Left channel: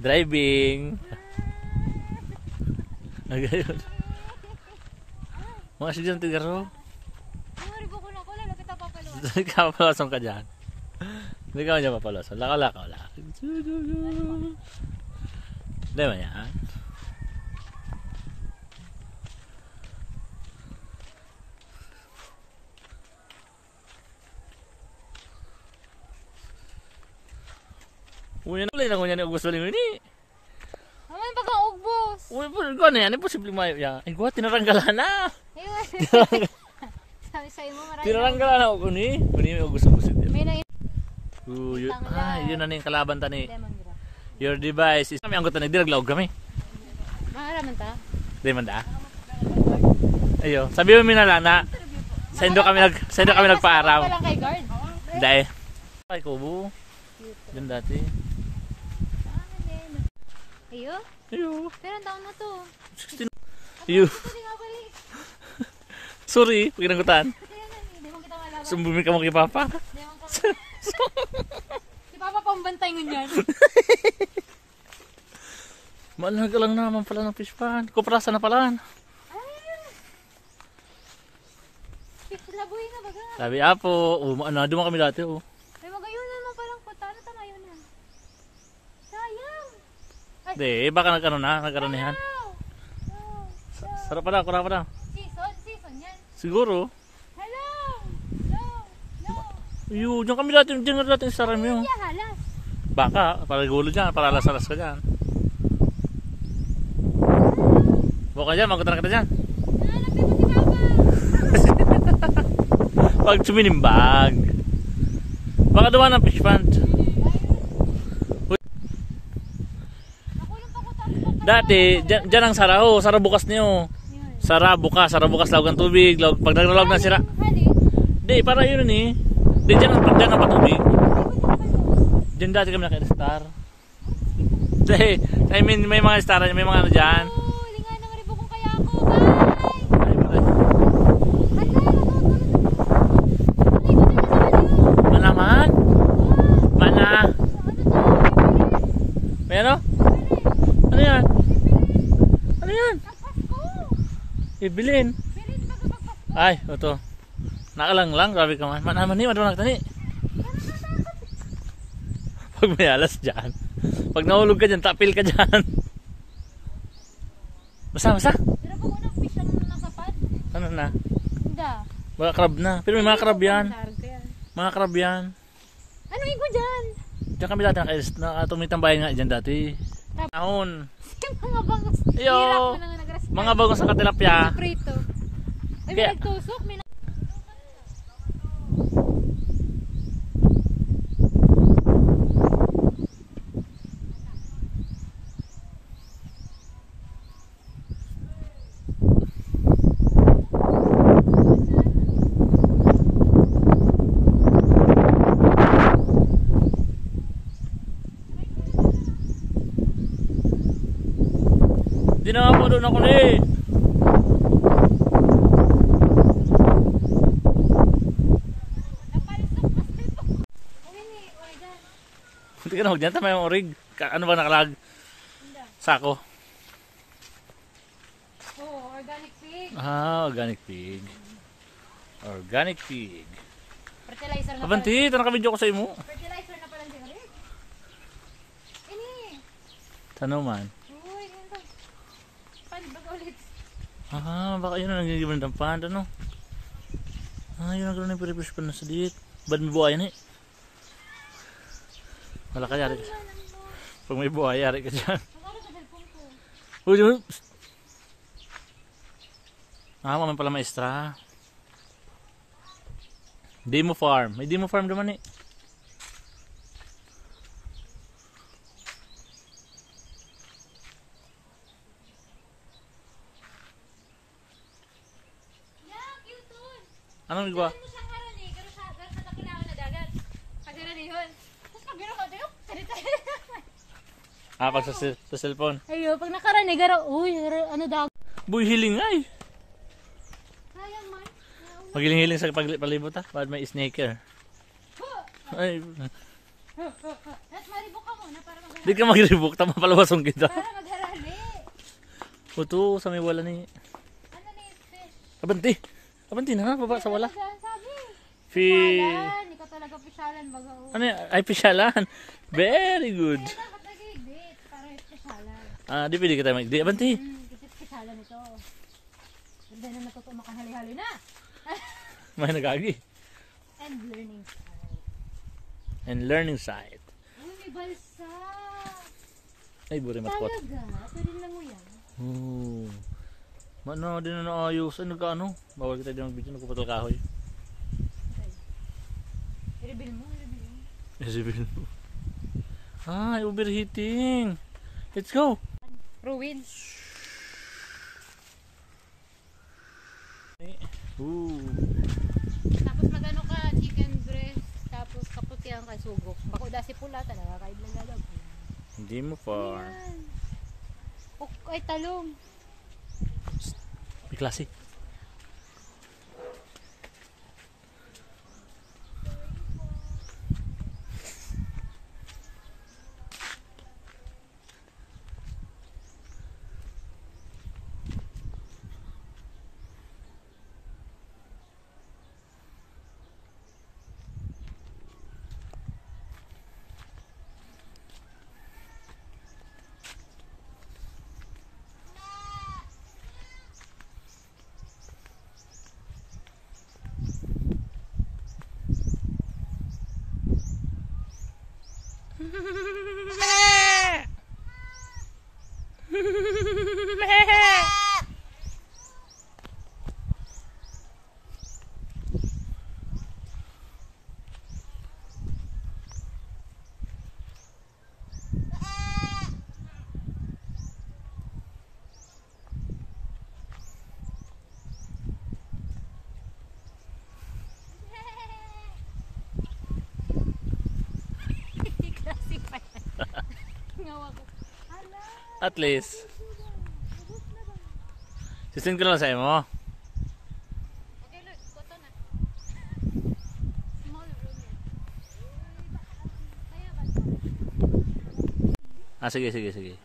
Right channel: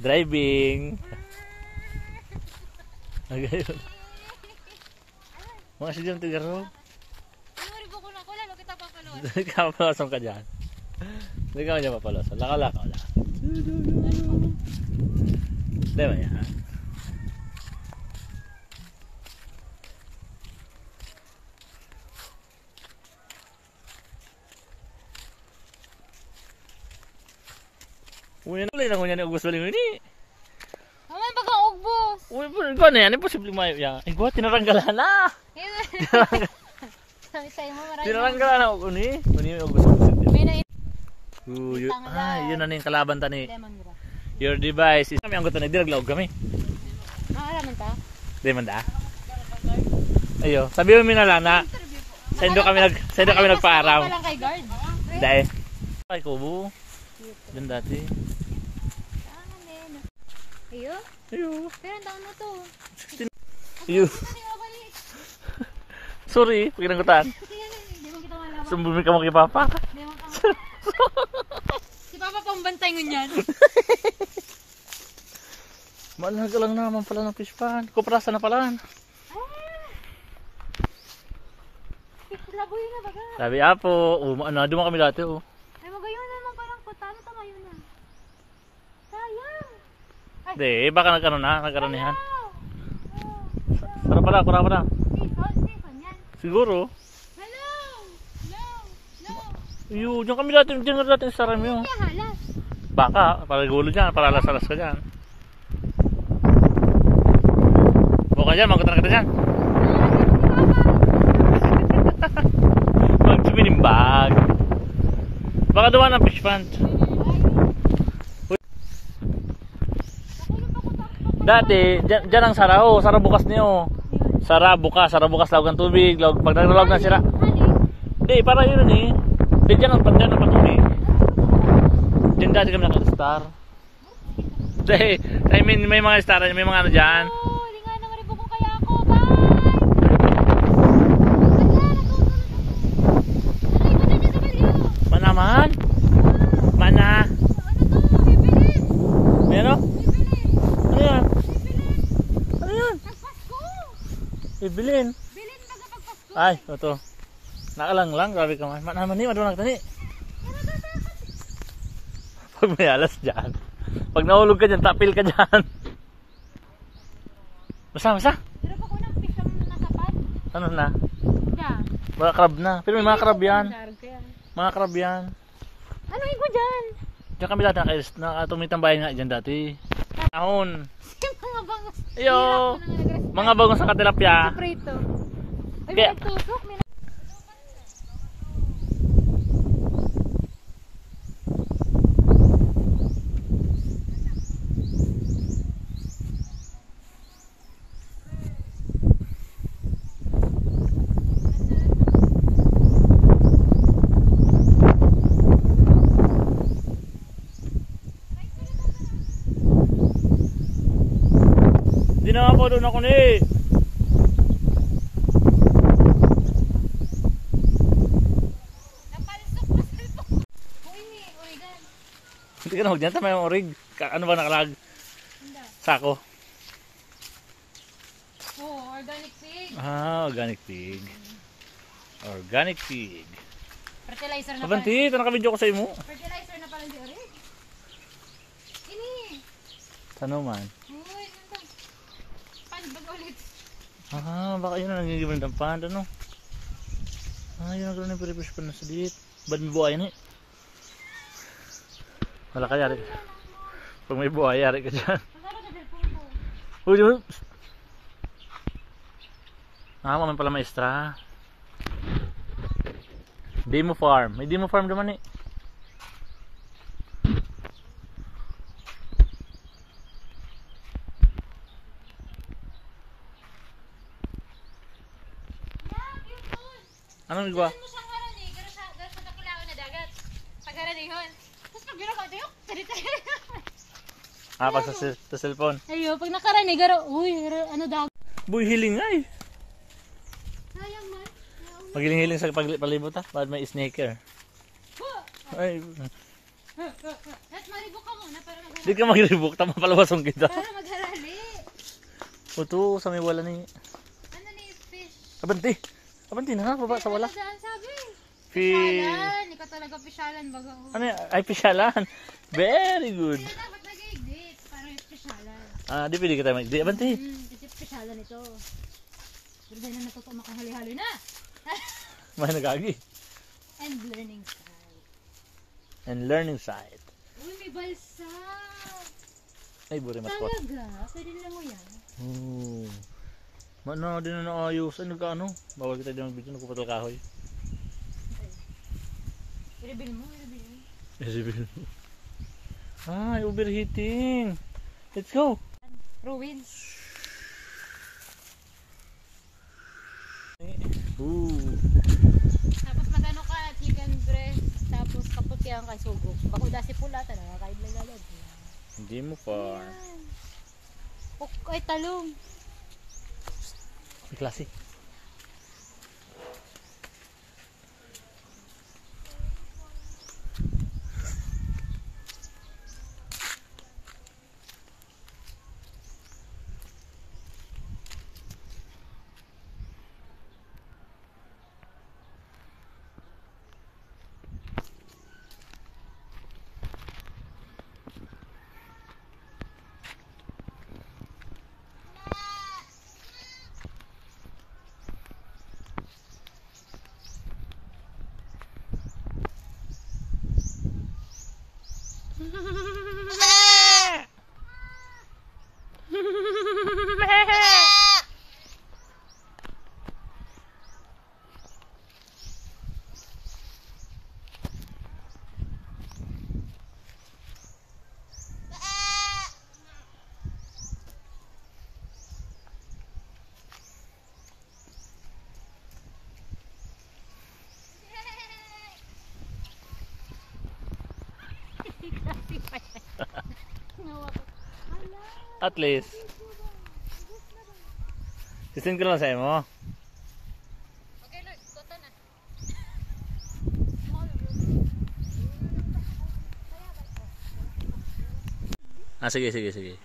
Driving. Mga sigang tigaro. Iwari ko na ko lalo kita papaluan. Hindi ka papalasong ka dyan. Hindi ka dyan papalasong. Laka-laka wala. Hindi ba yan? Uy, ano lang niya ni August Baling ini? Naman pag ang ugbos. Uy, ko na yan. Imposible mayo yan. Ay, gwa, tinaranggalan na. Sabi sa'yo mo maraming. Tinaranggalan na ako ni. Uni, August Baling. May na yun na yung kalaban ta ni. lemongrass. Your device is... Kami ang gutan na, dilaglaog kami. Mahalaman ta? Di man da? Ayo, sabi mo minala na. Sa indo kami nagpaaraw. Walang kay guard. Dahil. Ay, kubo. Diyan dati. Saan din? Ayo? Ayo. Pero ang taon mo to? 16. Ayo. Sorry, pinanggutan. Hindi mo kita malaman. Sumbumi ka mo kay Papa. Hindi mo ka. Si Papa pambantay mo niyan. Mahalaga lang naman pala ng fish pan. Kuprasa na pala. Labuhin na baga. Sabi apo, doon kami dati oh. Ay magayon naman parang kutano tama yun na. Sayang. Hindi, baka nagkaranihan. Sarap pala, kurang pala. Season yan. Siguro. Hello. No. Iyo, diyan kami dati, diyan natin sa ram yun. Kaya halas. Baka, para gulo dyan, para alas-alas ka dyan. Buka dyan, magutan ka dyan. Pag suminimbag. Baka duwa ng fish pond. Dati, dyan ang sara. Oh, sara bukas niyo. Sara bukas lawag ng tubig. Pag naglalawag na sira. Hindi, para yun eh. Hindi, dyan ang patubig. Dyan dati kami naka-star. Hindi, I mean, may mga star, may mga ano dyan. Manaman? Mana? May ano? Ano yan? Ano yan? Ibilin. Ay, ito. Nakalang lang, grabe ka man. Manaman niyo, ano nagtani? Pag may alas dyan. Pag nahulog ka dyan, tapil ka dyan. Basa. Pero pa munang fish ang nasapad. Ano na? Da. Mga crab na. Pero may mga crab yan. Mga crab yan. Ano igo dyan? Diyan kami dati tumitambayan nga dyan dati. Ahon. Mga bangos. Iyo. Mga bagong sa katilapia. Prito. Ay, Kaya- may nagtusok. Hindi na ako doon ako ulit. Napalisok pa sa ito. Uy, oregan. Hindi ka na huwag dyan. Tama yung orig. Ano ba nakalag? Sako. Oh, organic pig. Ah, organic pig. Organic pig. Fertilizer na Abanti, ito nakabidyo ko sa imo. Fertilizer na pala si orig. Ini. Ano man? Uy, ganito. Paano ba ulit? Baka yun ang nagiging ng panda, no? Yun ang gano'n yung piripish pa na sa diet. Ba't may buhayan eh? Wala ka yari. Pag may buhay, yari ka dyan. Uy, uy. Mamang pala maestra. Demo farm. May demo farm naman eh. Anong nagawa? Ano sa karon eh, garo sa kakilawan na dagat. Pagaranihon. Tapos pag garo ka tayo, salita. Pag sa cellphone. Ayo, pag nakarani garo, uy, ano dagat. Buy hiling ay. Sayang man. Magiling-hiling sa palibot ha. Bakit may sneaker? Ay. Let's maribok ka muna para magharali. Di ka mag-rebook. Tama palabasong kita. Para magharali. Ito, sa may wala ni. Ano na yung fish? Abanti. Abanti na, baba sa wala. Ano daan sabi? Fish. Pisyalan. Ikaw talaga pisyalan baga. Ano yan? Ay, pisyalan. Very good. Kaya dapat nag-i-exit para yung pisyalan. Di pwede ka tayo mag-di. Abanti. Kasi pisyalan ito. Pero dahil na natuto makahali-hali na. May nagagi. And learning side. And learning side. Uy, may balsa. Ay, buri maspot. Talaga? Pwede lang mo yan. Mana din na naayos. Ay, nagkaano? Bawal kita din mag-video. Nagpapatol kahoy. I-reveal mo, i-reveal mo. Isibil mo. Overheating. Let's go. Ruins. Tapos magano ka, chicken breast. Tapos kaputihan ka, sugo. Bako dasi pula talaga, kahit lalalog. Hindi mo pa. Ayan. Ay, talong. May klase. At least. Sisin ko lang sa mo. Okay, Lord, kota na. Sige.